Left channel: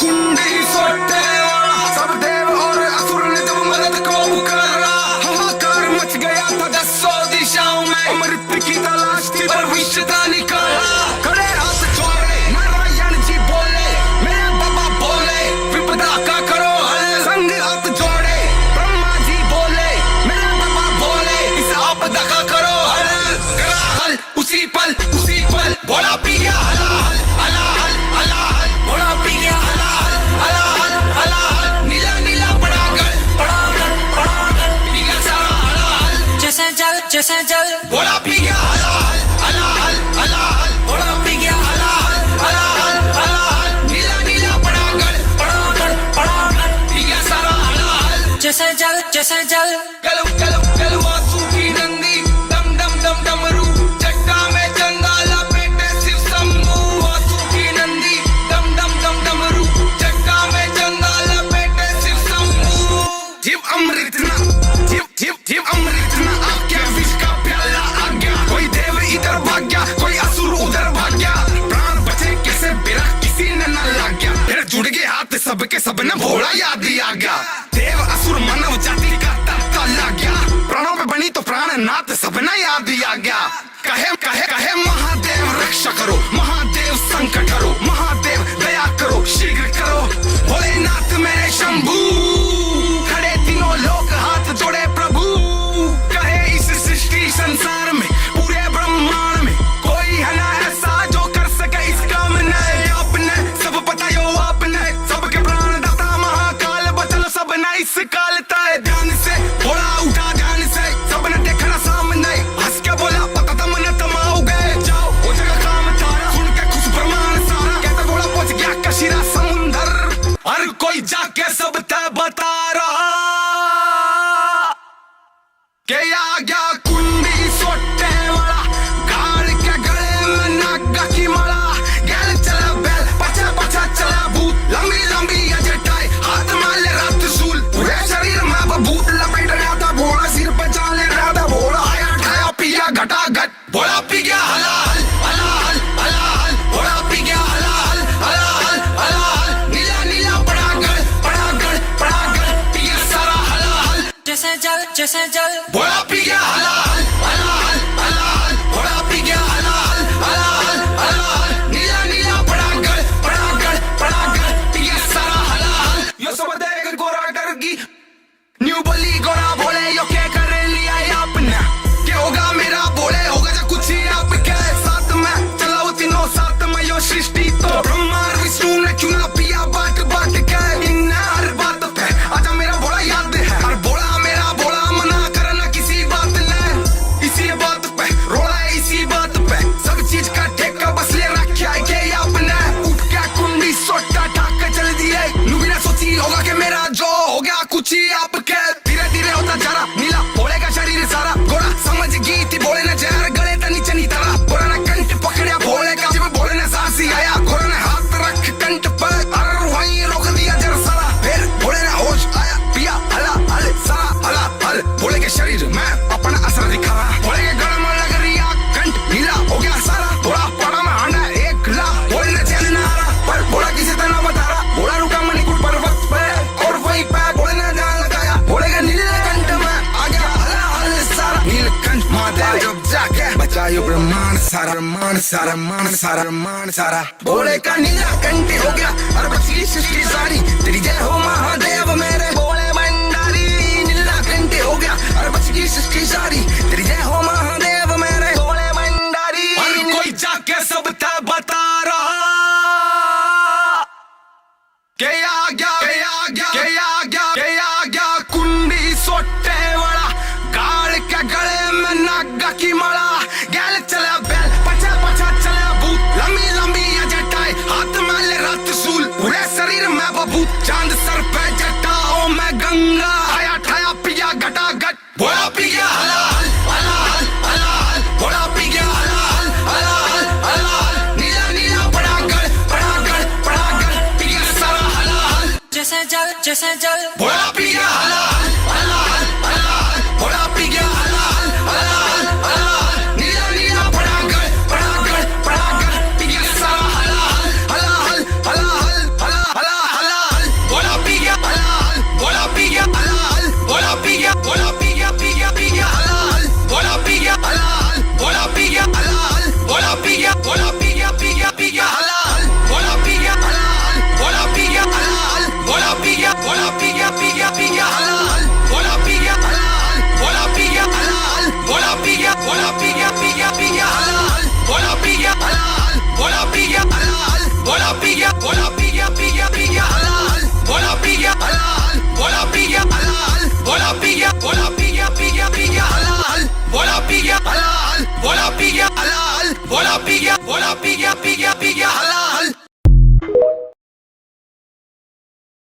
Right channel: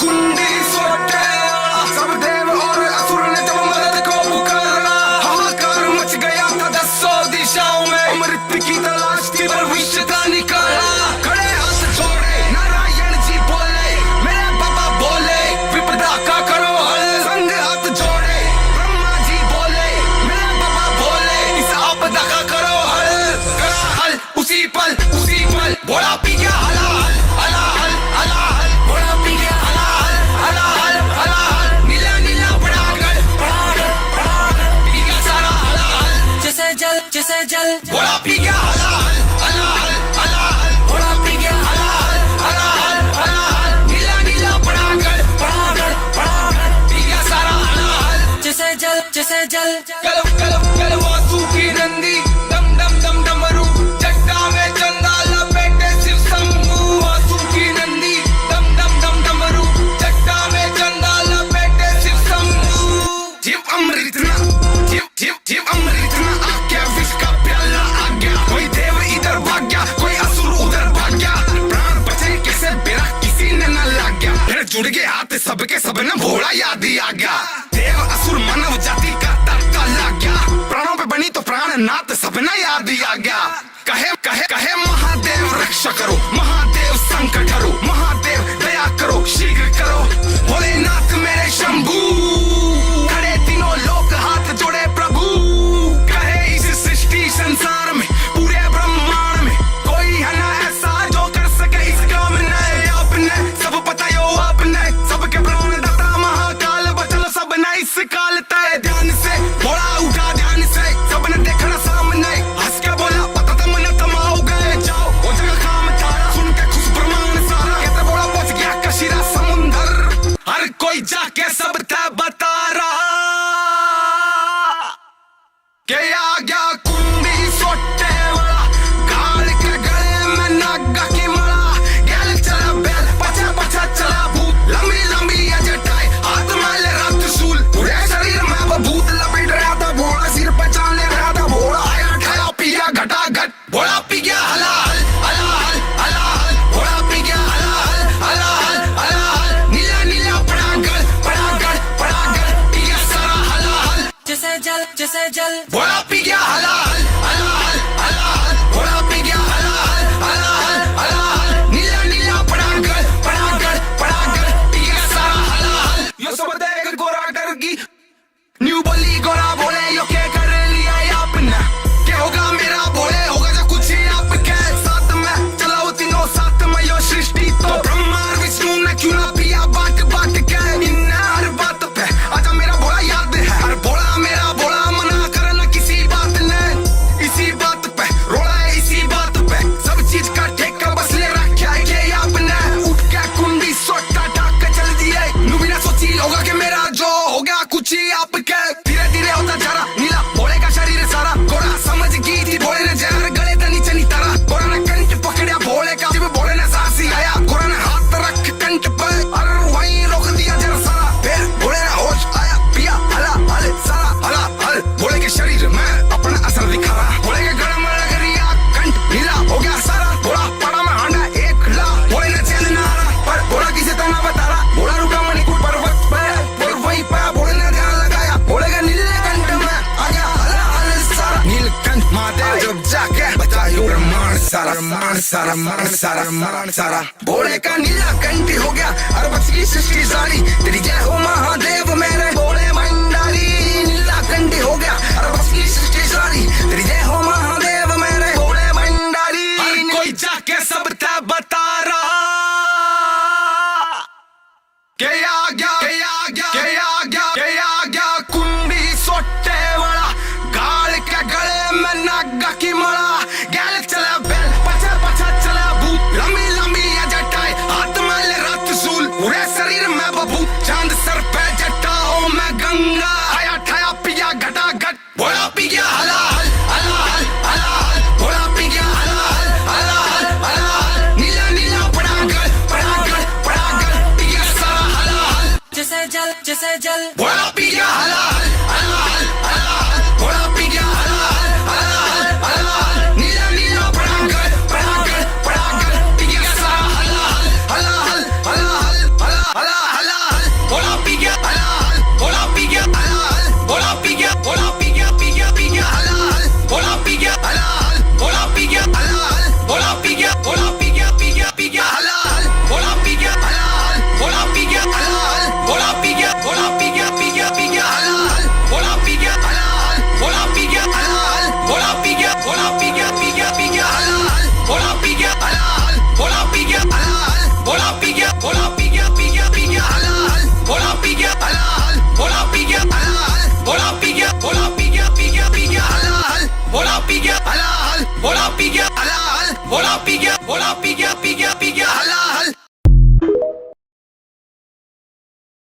कुंडी सोटे वाला, सब देव और असुर ने जब मदद को पुकारा, हाहाकार मच गया था दसों दिशाओं में, अमृत की तलाश थी पर विष था निकाला। खड़े हाथ जोड़े नारायण जी बोले, मेरे बाबा बोले विपदा का करो हल, संग हाथ जोड़े ब्रह्मा जी बोले, मेरे बाबा बोले इस आपदा का करो हल। करा हल उसी पल भोला पी गया हलाल हलाल हलाल, भोला पी गया हलाल हलाल हलाल, नीला नीला पड़ागल पी गया सारा हलाल, जैसे जल भोला पी गया हलाल हलाल हलाल, भोला पी गया हलाल हलाल हलाल, नीला नीला पड़ागल पी गया सारा हलाल, जैसे जल कल वासु की नंदी, दम दम दम डमरू चट्टा में चंदा लपेटे शिव शंभू, वासु की नंदी दम दम दम डमरू चट्टा में चंदा लपेटे शिव शंभू। जीव अमृत ना जीव अमृत ना आज्ञा, विष का प्याला आ गया, कोई देव इधर भाग गया, कोई असुर उधर भाग गया, प्राण बचे कैसे बिना किसी ने न लाग गया, फिर जुड़ गए हाथ सबके सब न भोला याद ही आ गया, देव असुर मानव जाति का ताता लग गया, प्राणों पे बनी तो प्राण नाथ सब न याद ही आ गया। कहे महादेव रक्षा करो, महादेव संकट हरो, महादेव दया करो शीघ्र करो, भोलेनाथ मेरे शंभू, खड़े तीनों लोक हाथ जोड़े प्रभु, कहे इस सृष्टि संसार में पूरे ब्रह्मांड में कोई है ना ऐसा जो कर सके इस काम ने, आपने सब पता यो आपने सबके प्राण दाता महाकाल, बचल सब न इस काल तय, ध्यान से भोला उठा ध्यान से, सबने देखना सामने, हंस के बोला पता था मन तमाओ गए, जाओ वो जगह काम तारा, सुन के खुश ब्रह्मांड सारा, कहते बोला पहुंच गया कशीरा समुंदर, हर कोई जाके सब तय बता रहा के आ गया कुंडी सोटे वाला, गाड़ के गले में नागा की माला, गैल चला बैल पचा पचा चला भूत, लंबी लंबी जटाई हाथ में ले रात सूल, पूरे शरीर में भूत लपेट रहा था, भोला सिर पे चाल ले रहा था, भोला आया ठाया पिया घटा घट, भोला पी गया हलाल हलाल हलाल, भोला पी गया हलाल हलाल हलाल, नीला नीला पड़ागल पी गया सारा हलाल, जैसे जल भोला पी गया हलाल हलाल हलाल, भोला पी गया हलाल हलाल हलाल, नीला नीला पड़ागल पी गया सारा हलाल। यो सब देख गोरा डर गई, न्यू बोली गोरा बोले यो क्या कर लिया आपने, क्या होगा मेरा बोले होगा जो कुछ ही आपके साथ में, चलाओ तीनों साथ में यो सृष्टि तो, ब्रह्मा विष्णु ने क्यों ना पिया बाट बाट के, इन हर बात पे आजा मेरा भोला याद है, हर भोला मेरा भोला मना करना किसी बात ने, इसी बात पे रोला है इसी बात पे, सब चीज का ठेका बस ले रखा है के आपने, उठ के कुंडी सोटा ठाक के चल दिए, नुबिना सोची होगा कि मेरा जो हो गया कुछ ही आपके, धीरे धीरे होता जा रहा नीला भोले का शरीर सारा, गोरा समझ गई थी भोले ने जहर गले था नीचे नहीं तारा, गोरा ने कंठ पकड़ा भोले का, जब भोले ने सांस ही आया, गोरा ने हाथ रख कंठ पे और वहीं रोक दिया जरा सारा, फिर भोले ने होश आया पिया हला हल सारा हला हल, भोले के शरीर में अपना असर दिखा रहा, भोले के गला में लग रही कंठ नीला हो गया सारा, भोला पड़ा में हांडा एक ला, भोले ने चैन न आ रहा पर भोला किसी तरह बता रहा, भोला रुका मणिकूट पर्वत पे और वहीं पे भोले ने ध्यान लगाया, भोले के नीलकंठ में आ गया हला हल सारा, नीलकंठ महादेव जब जाके बचायो ब्रह्मांड सारा, ब्रह्मांड सारा मान सारा ब्रह्मांड सारा, भोले का नीलकंठ हो गया और बच गई सृष्टि सारी, तेरी जय हो महादेव मेरे भोले भंडारी, नीलकंठ हो गया और बच गई सृष्टि सारी, तेरी जय हो महादेव मेरे भोले भंडारी, हर कोई जाके सब तय बता रहा के आ गया कुंडी सोटे वाला, गाड़ के गले में नागा की माला, गैल चला बैल पचा पचा चला भूत, लंबी लंबी जटाई हाथ में ले रात सूल, पूरे शरीर में बबूत, चांद सर पे जटाओं में गंगा, आया ठाया पिया घटा घट, भोला पी गया हलाल हलाल हलाल, भोला पी गया हलाल हलाल हलाल, नीला नीला पड़ागल पी गया सारा हलाल, जैसे जल भोला पी गया हलाल हलाल हलाल, भोला पी गया हलाल हलाल हलाल, नीला नीला पड़ागल पी गया सारा हलाल हलाल हलाल हलाल हलाल। बोला पी गया बोला पी गया पी गया पी गया हलाल बोला पी गया हलाल बोला पी गया हलाल बोला पी गया बोला पी गया पी गया पी गया हलाल बोला पी गया हलाल बोला पी गया हलाल बोला पी गया बोला पी गया पी गया पी गया हलाल बोला पी गया हलाल बोला पी गया हलाल बोला पी गया बोला पी गया पी गया पी गया हलाल बोला पी गया हलाल बोला पी गया हलाल बोला पी गया बोला पी गया पी गया पी गया हलाल